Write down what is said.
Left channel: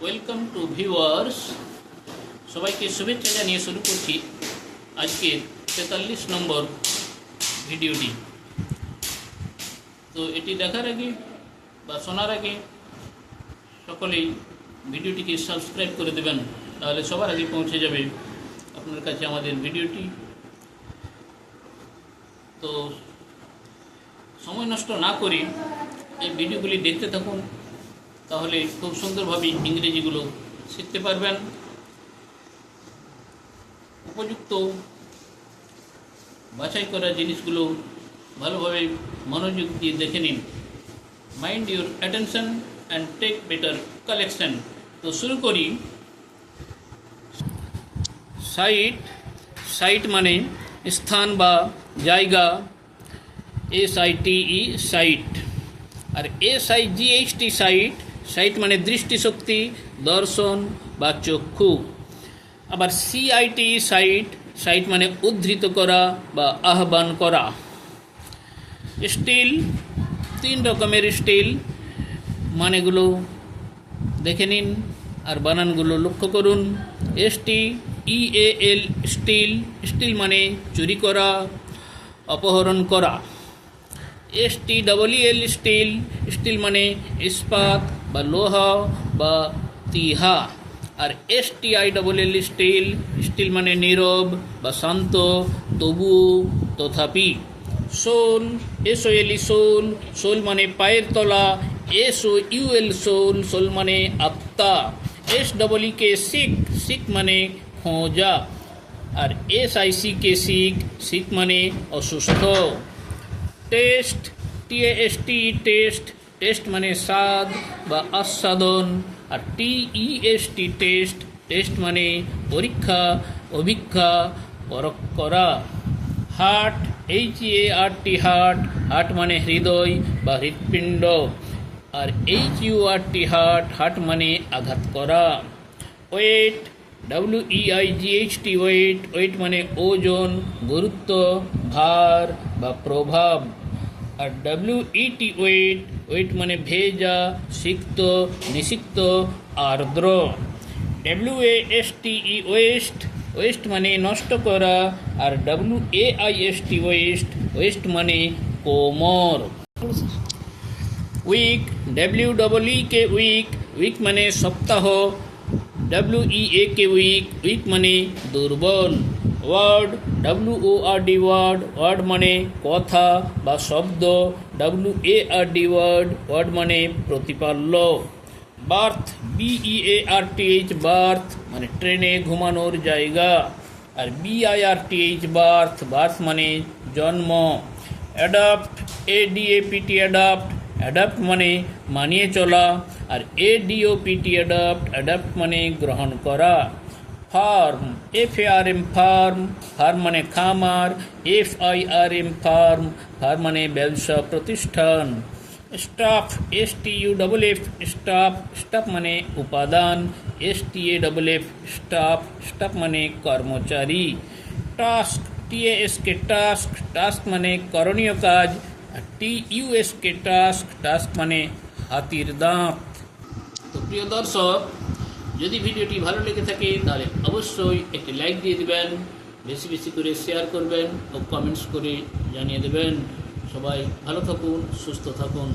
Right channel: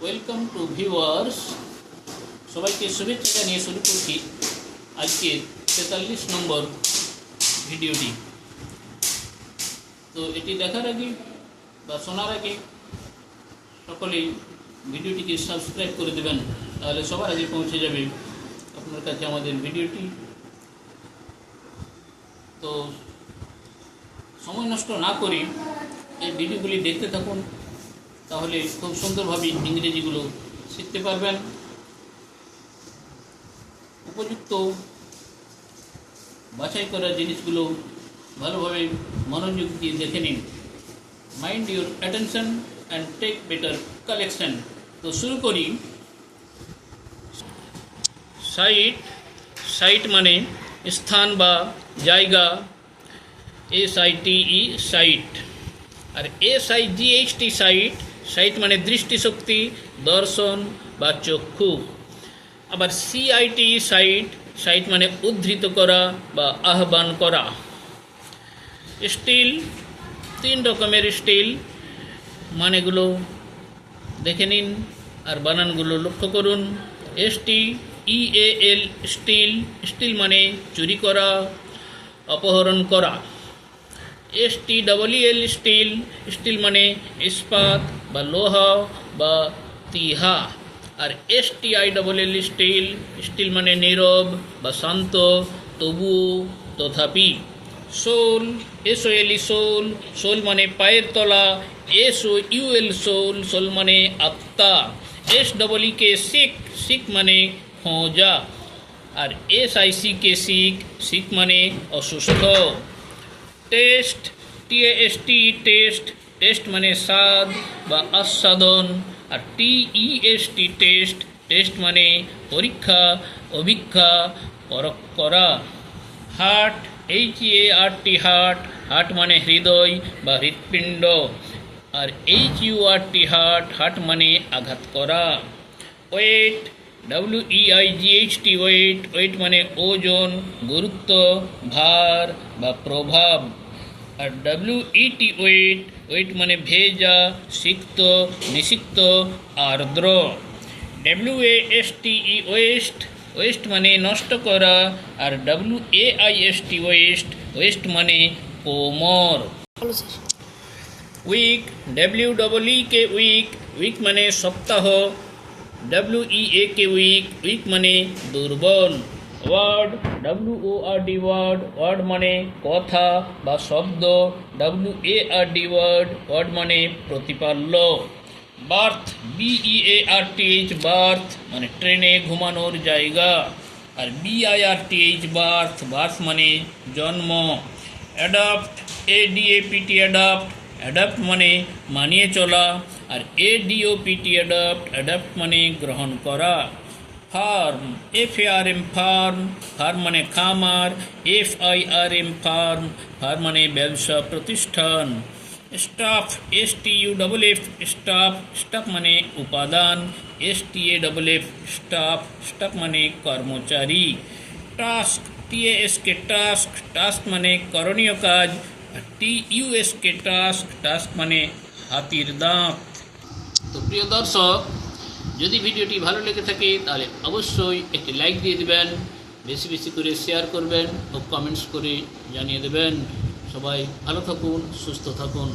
Welcome to viewers, সবাইকে শুভেচ্ছা জানিয়ে শুরু করছি আজকে ৪৩ নম্বর ভিডিওটি। তো এটি দেখার আগে বা শোনার আগে সকলেই ভিডিওটিকে সাবস্ক্রাইব করে দেবেন, তাহলে সবার আগে পৌঁছে যাবে আপনার কাছে আমাদের ভিডিওটি। তো সময় নষ্ট না করে এই ভিডিওগুলি দেখতে থাকুন, তাহলে খুব সুন্দরভাবে ইংরেজিগুলো শিখতে পারবেন। উপযুক্ত বাছাই করা জিনিসগুলো ভালোভাবে মনোযোগ দিয়ে দেখে নিন। Mind your attention and take better collection. তো শুরু করি। সাইট মানে স্থান বা জায়গা, SITE সাইট। আর SIGHT সাইট মানে দৃষ্টিশক্তি, দর্শন বা চক্ষু। আবার CITE সাইট মানে উদ্ধৃত করা বা আহ্বান করা। স্টিল, 3 রকমের স্টিল, মানেগুলো দেখে নিন আর বানানগুলো লক্ষ্য করুন। STEAL স্টিল মানে চুরি করা, অপহরণ করা। STEEL স্টিল মানে ইস্পাত বা লোহা বা তিহা। আর STILL স্টিল মানে নীরব বা শান্ত, তবুও, তথাপি। SOL সোল মানে পায়ের তলা। SOUL মানে আত্মা। SEEK শিক মানে খোঁজা। আর SICK শিক মানে অসুস্থ। টেস্ট মানে স্বাদ বা আস্বাদন। আর টেস্ট মানে পরীক্ষা, অভিক্ষা, পরখ করা। হার্ট, হার্ট মানে হৃদয় বা হৃৎপিণ্ড। আর হার্ট মানে আঘাত করা। ওয়েট, ওয়েট মানে ওজন, গুরুত্ব, ভার বা প্রভাব। আর WET ওয়েট মানে ভেজা, সিক্ত, নিষিক্ত, আর্দ্র। WASTE ওয়েস্ট মানে নষ্ট করা। আর WAIST ওয়েস্ট মানে কোমর। উইক, WEEK উইক মানে সপ্তাহ। WEAK উইক মানে দুর্বল। ওয়ার্ড, ওয়ার্ড মানে কথা বা শব্দ। ওয়ার্ড মানে প্রতিপাল্য। বার্থ, বার্থ মানে ট্রেনে ঘুমানোর জায়গা। আর বার্থ মানে জন্ম। অ্যাডাপ্ট, অ্যাডাপ্ট মানে মানিয়ে চলা। আর অ্যাডাপ্ট মানে গ্রহণ করা। ফার্ম, ফার্ম মানে খামার। FIRM ফার্ম মানে ব্যবসা প্রতিষ্ঠান। স্টাফ, স্টাফ মানে উপাদান। স্টাফ মানে কর্মচারী। টাস্ক, টাস্ক মানে করণীয় কাজ। আর টাস্ক মানে হাতির দাঁত। তো প্রিয় দর্শক, যদি ভিডিওটি ভালো লেগে থাকে তাহলে অবশ্যই একটি লাইক দিয়ে দেবেন, বেশি বেশি করে শেয়ার করবেন ও কমেন্টস করে জানিয়ে দেবেন। সবাই ভালো থাকুন, সুস্থ থাকুন।